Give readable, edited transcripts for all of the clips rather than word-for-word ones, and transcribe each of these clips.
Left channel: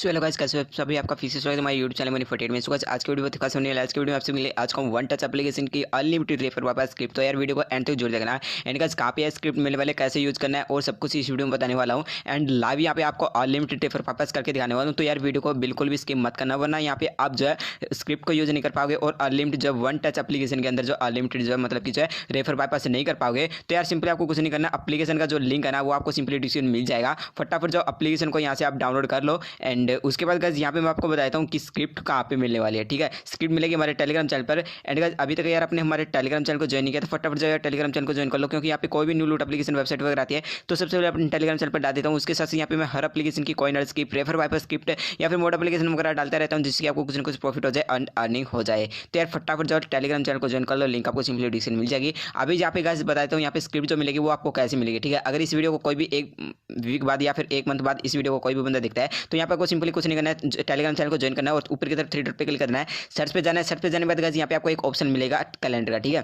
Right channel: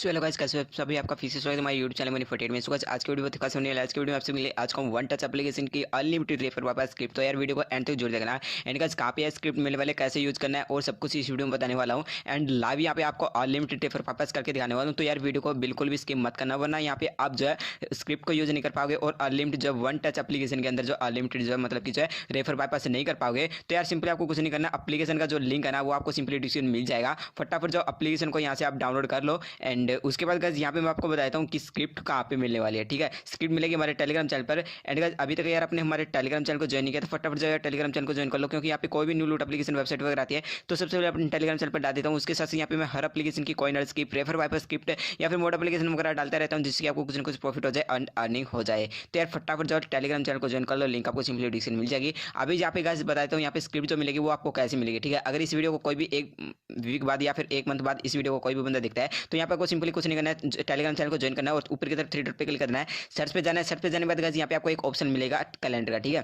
So hello guys, कैसे हो सभी? आपका फिर से स्वागत है हमारे यूट्यूब चैनल मनी 48 में। सो गाइस, आज की वीडियो बहुत खास होने वाला है। आज की वीडियो में आपसे मिले आज का वन टच एप्लीकेशन की अनलिमिटेड रेफर वापस स्क्रिप्ट। तो यार वीडियो को एंड तक जोड़ देखना। एंड गाइस, कहाँ पे स्क्रिप्ट मिलने वाले, कैसे यूज करना है और सब कुछ इस वीडियो में बताने वाला हूँ। एंड लाइव यहाँ पे आपको अनलिमिटेड रेफर वापस करके दिखाने वाला हूँ। तो यार वीडियो को बिल्कुल भी स्किप मत करना, वरना यहाँ पे आप जो है स्क्रिप्ट को यूज नहीं कर पाओगे और अनलिमिटेड जो वन टच एप्लीकेशन के अंदर जो अनलिमिटेड जो है मतलब कि जो है रेफर वापस नहीं कर पाओगे। तो यार सिंपली आपको कुछ नहीं करना, एप्लीकेशन का जो लिंक है ना वो आपको सिंपली डिस्क्रिप्शन मिल जाएगा। फटाफट जो एप्लीकेशन को यहाँ से आप डाउनलोड कर लो। एंड उसके बाद गाइस यहाँ पे मैं आपको बताता हूँ कि स्क्रिप्ट कहाँ पे मिलने वाली है। ठीक है, स्क्रिप्ट मिलेगी हमारे टेलीग्राम चैनल पर। एंड गाइस, अभी तक यार आपने हमारे टेलीग्राम चैनल को ज्वाइन नहीं किया तो फटाफट जो है टेलीग्राम चैनल को ज्वाइन कर लो, क्योंकि यहाँ पे कोई भी न्यू लूट एप्लीकेशन वेबसाइट वगैरह आती है तो सबसे पहले अपने टेलीग्राम चैनल पर डाल देता हूँ। उसके साथ यहाँ पे मैं हर एप्लीकेशन की coin script, refer wiper script या फिर मोड एप्लीकेशन वगैरह डालता रहता हूँ, जिससे आपको कुछ ना कुछ प्रॉफिट हो जाए, अर्निंग हो जाए। तो यार फटाफट जो टेलीग्राम चैनल को ज्वाइन कर लो, लिंक आपको सिंपली डिस्क्रिप्शन मिल जाएगी। अभी यहाँ पे गाइस बताता हूँ यहाँ पे स्क्रिप्ट जो मिलेगी वो आपको कैसे मिलेगी। ठीक है, अगर इस वीडियो को कोई भी एक वीक बाद या फिर एक मंथ बाद इस वीडियो को कोई भी बंदा देखता है तो यहाँ पे आपको सिंपली कुछ नहीं करना है, टेलीग्राम चैनल को ज्वाइन करना है और ऊपर की तरफ थ्री डॉट पे क्लिक करना है, सर्च पे जाना है। सर्च पे जाने के बाद गाइस यहाँ पे आपको एक ऑप्शन मिलेगा कैलेंडर का। ठीक है,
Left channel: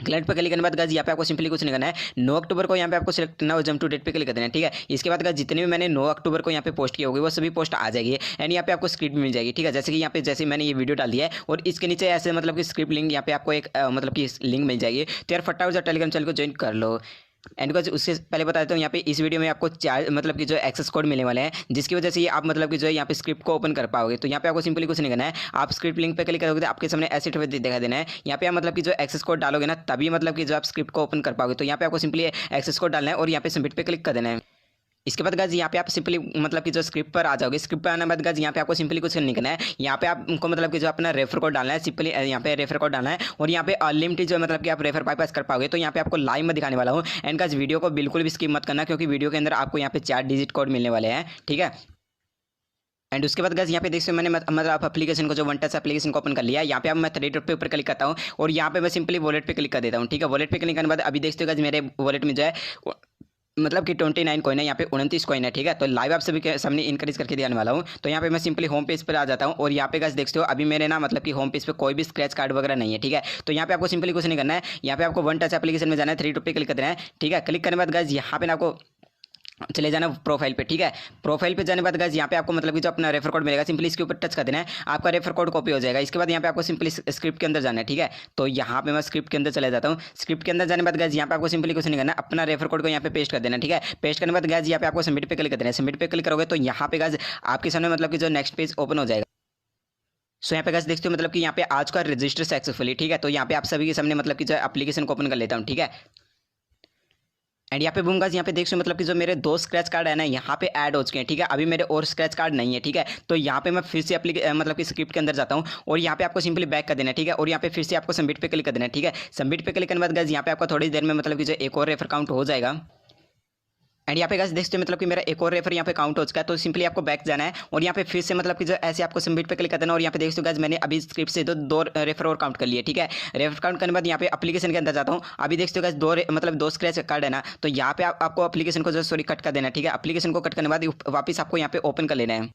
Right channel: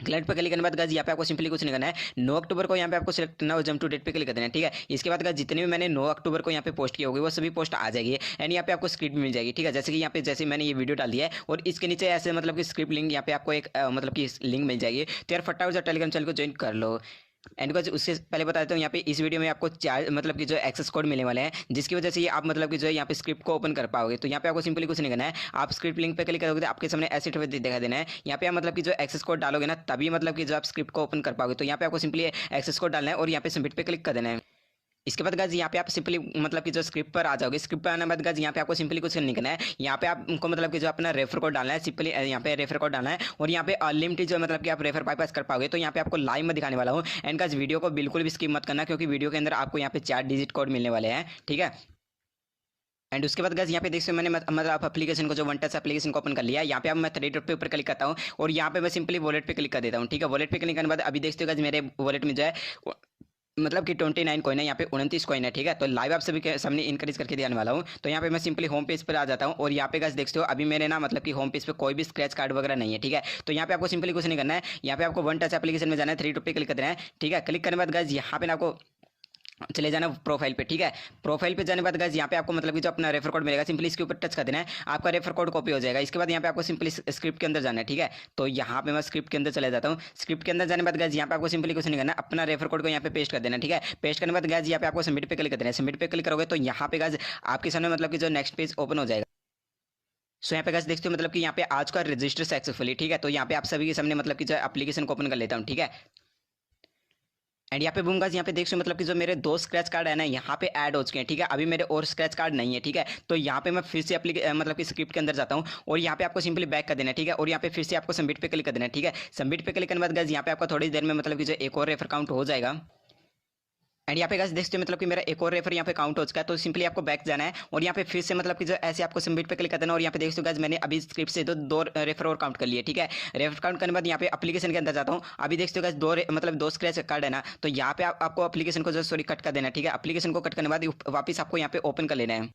क्लाइंट पे क्लिक करने के बाद गाइस यहाँ पे आपको सिंपली कुछ नहीं करना है, 9 अक्टूबर को यहाँ पे आपको सिलेक्ट करना है और जंप टू डेट पे क्लिक कर देना है। ठीक है, इसके बाद गाइस जितने भी मैंने 9 अक्टूबर को यहाँ पे पोस्ट किए होंगे वो सभी पोस्ट आ जाएगी। एंड यहाँ पे आपको स्क्रिप्ट मिल जाएगी। ठीक है, जैसे कि यहाँ पे जैसे मैंने ये वीडियो डाल दिया है और इसके नीचे ऐसे मतलब कि स्क्रिप्ट लिंक यहाँ पे आपको एक मतलब कि लिंक मिल जाएगी। तो यार फटाफट टेलीग्राम चैनल को ज्वाइन कर लो। एंड गाइस उससे पहले बता देता हूँ यहाँ पे इस वीडियो में आपको चार मतलब कि जो एक्सेस कोड मिलने वाले हैं, जिसकी वजह से ये आप मतलब कि जो है यहाँ पे स्क्रिप्ट को ओपन कर पाओगे। तो यहाँ पे आपको सिंपली कुछ नहीं करना है, आप स्क्रिप्ट लिंक पे क्लिक करोगे तो आपके सामने ऐसे दिखा देना है। यहाँ पे आप मतलब कि जो एक्सेस कोड डालोगे ना तभी मतलब कि जो आप स्क्रिप्ट को ओपन कर पाओगे। तो यहाँ पे आपको सिंपली एक्सेस कोड डालना है और यहाँ पे सबमिट पे क्लिक कर देना है। इसके बाद गाइस यहाँ पे आप सिंपली मतलब कि जो स्क्रिप्ट पर आ जाओगे। स्क्रिप्ट पर आने के बाद गाइस यहाँ पे आपको सिंपली कुछ नहीं करना है, यहाँ पे आपको मतलब कि जो अपना रेफर कोड डालना है, सिंपली यहाँ पे रेफर कोड डालना है और यहाँ पे अनलिमिटेड जो मतलब कि आप रेफर पास कर पाओगे। तो यहाँ पे आपको लाइव में दिखाने वाला हूँ। एंड गाइस वीडियो को बिल्कुल भी स्किप मत करना, क्योंकि वीडियो के अंदर आपको यहाँ पे 4 डिजिट कोड मिलने वाले हैं। ठीक है, एंड उसके बाद गाइस यहाँ पे देख सकते हो मैंने मतलब एप्लीकेशन को जो वन टच एप्लीकेशन को ओपन कर लिया। यहाँ पे अब मैं थ्री डॉट पे ऊपर क्लिक करता हूँ और यहाँ पे मैं सिंपली वॉलेट पे क्लिक कर देता हूँ। ठीक है, वॉलेट पे क्लिक करने के बाद अभी देखते हो गाइस मेरे वॉलेट में जो है मतलब कि 29 कॉइन है, यहाँ पे 29 कॉइन है। ठीक है, तो लाइव आप सभी के सामने इंक्रीज करके दिखाने वाला हूँ। तो यहाँ पे मैं सिंपली होम पेज पर आ जाता हूँ और यहाँ पे गाइस देखते हो अभी मेरे ना मतलब कि होम पेज पे कोई भी स्क्रैच कार्ड वगैरह नहीं है। ठीक है, तो यहाँ पे आपको सिंपली कुछ नहीं करना है, यहाँ पे आपको वन टच एप्लीकेशन में जाना है, थ्री डॉट पे क्लिक करना है। ठीक है, क्लिक करने के बाद गाइस यहाँ पे ना आपको चले जाना प्रोफाइल पे। ठीक है, प्रोफाइल पे जाने के बाद गाइस यहाँ पे आपको मतलब कि जो अपना रेफर कोड मिलेगा सिंपली इसके ऊपर टच कर देना है, आपका रेफर कोड कॉपी हो जाएगा। इसके बाद यहाँ पे आपको सिंपली स्क्रिप्ट के अंदर जाना है। ठीक है, तो यहाँ पे मैं स्क्रिप्ट के अंदर चले जाता हूँ। स्क्रिप्ट के अंदर जाने के बाद गाइस यहाँ पे आपको सिंपली कुछ नहीं करना, अपना रेफर कोड को यहाँ पे पेस्ट कर देना। ठीक है, पेस्ट करने के बाद गाइस यहाँ पे आपको सबमिट पे क्लिक कर देना है। सबमिट पे क्लिक करोगे तो यहाँ पे गाइस आपके सामने मतलब कि जो नेक्स्ट पेज ओपन हो जाएगा। सो यहाँ पे गाइस देखते हो मतलब कि यहाँ पे आज का रजिस्टर सक्सेसफुली। ठीक है, तो यहाँ पे आप सभी के सामने मतलब कि जो एप्लीकेशन को ओपन कर लेता हूँ। ठीक है, एंड यहाँ पे बूम गाइस यहाँ पे देख सकते हो मतलब कि जो मेरे 2 स्क्रैच कार्ड है ना यहाँ पे ऐड हो चुके हैं। ठीक है, अभी मेरे और स्क्रैच कार्ड नहीं है। ठीक है, तो यहाँ पे मैं फिर से मतलब कि स्क्रिप्ट के अंदर जाता हूँ और यहाँ पे आपको सिंपली बैक कर देना है। ठीक है, और यहाँ पे फिर से आपको सबमिट पे क्लिक कर देना है। ठीक है, सबमिट पे क्लिक करने के बाद गाइस यहाँ पे आपको थोड़ी देर में मतलब कि जो एक और रेफर काउंट हो जाएगा। एंड यहाँ पे गाइस देखते हो मतलब कि मेरा एक और रेफर यहाँ पे काउंट हो चुका है। तो सिंपली आपको बैक जाना है और यहाँ पे फिर से मतलब कि जो ऐसे आपको सबमिट पे क्लिक कर देना और यहाँ पे देखते हो गाइस मैंने अभी स्क्रिप्ट से दो रेफर और काउंट कर लिए। ठीक है, रेफर काउंट करने के बाद यहाँ पे एप्लीकेशन के अंदर जाता हूँ। अभी देखते हो गाइस दो स्क्रैच कार्ड है ना, तो यहाँ पे आपको एप्लीकेशन को जो सॉरी कट कर देना है। ठीक है, एप्लीकेशन को कट करने के बाद वापस आपको यहाँ पे ओपन कर लेना है।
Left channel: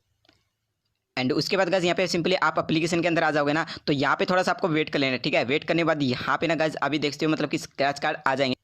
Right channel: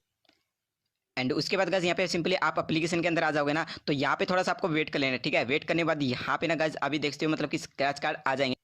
एंड उसके बाद गाइस यहाँ पे सिंपली आप एप्लीकेशन के अंदर आ जाओगे ना, तो यहाँ पे थोड़ा सा आपको वेट कर लेना है। ठीक है, वेट करने के बाद यहाँ पे ना गाइस अभी देखते हो मतलब कि स्क्रैच कार्ड आ जाएंगे।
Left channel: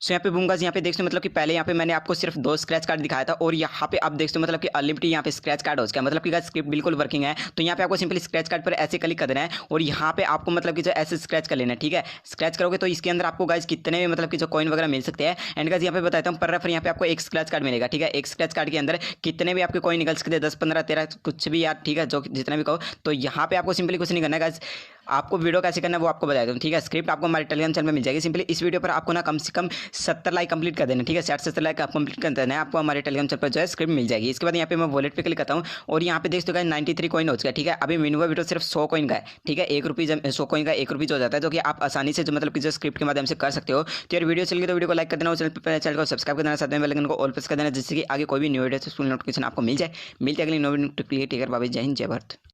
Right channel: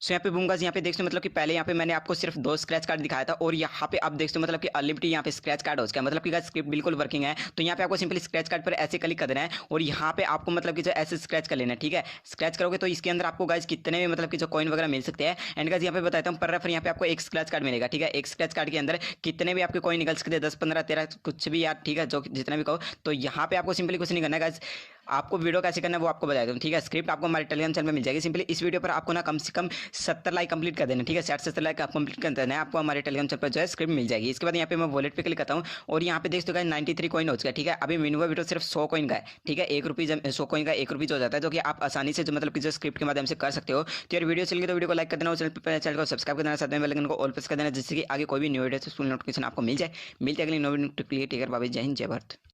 सो यहाँ पे बूम गाइस यहाँ पे देखते हो मतलब कि पहले यहाँ पे मैंने आपको सिर्फ 2 स्क्रैच कार्ड दिखाया था और यहाँ पे आप देखते हो मतलब कि अनलिमिटेड यहाँ पे स्क्रैच कार्ड हो चुका है, मतलब कि गाइस स्क्रिप्ट बिल्कुल वर्किंग है। तो यहाँ पे आपको सिंपली स्क्रैच कार्ड पर ऐसे क्लिक कर देना है और यहाँ पे आपको मतलब कि जो ऐसे स्क्रैच कर लेना है। ठीक है, स्क्रैच करोगे तो इसके अंदर आपको गाइस कितने भी मतलब कि जो कॉइन वगैरह मिल सकते हैं। एंड गाइस यहाँ पे बताता हूँ पर रेफर यहाँ पे आपको एक स्क्रैच कार्ड मिलेगा। ठीक है, एक स्क्रैच कार्ड के अंदर कितने भी आपके कॉइन निकल सकते हैं, 10 15 13 कुछ भी यार। ठीक है, जो जितना भी कहो। तो यहाँ पे आपको सिंपली कुछ नहीं करना है गाइस, आपको वीडियो कैसे करना है वो आपको बता दूँ। ठीक है, स्क्रिप्ट आपको हमारे टेलीग्राम चैनल में मिल जाएगी। सिंपली इस वीडियो पर आपको ना कम से कम 70 लाइक कंप्लीट कर देना। ठीक है, 60-70 लाइक आप कंप्लीट कर देना है, आपको हमारे टेलीग्राम चैनल पर जो है स्क्रिप्ट मिल जाएगी। इसके बाद यहाँ पे मैं वॉलेट पे क्लिक करता हूँ और यहाँ पे देख सकते हो 93 कॉइन हो चुका है। ठीक है, अभी मिनिमम वीडियो सिर्फ 100 कॉइन का है। ठीक है, 1 रुपये 100 कॉइन का 1 रुपये हो जाता है, जो कि आप आसानी से जो मतलब कि जो स्क्रिप्ट के माध्यम से कर सकते हो। तो यार वीडियो चल गई तो वीडियो को लाइक कर देना और चैनल को सब्सक्राइब कर देना, साथ में बेल आइकन को ऑल प्रेस कर देना, जिससे कि आगे कोई भी न्यू वीडियो नोटिफिकेशन आपको मिल जाए। मिलते अगली नई वीडियो। टेक केयर, बाय बाय, जय हिंद, जय भारत।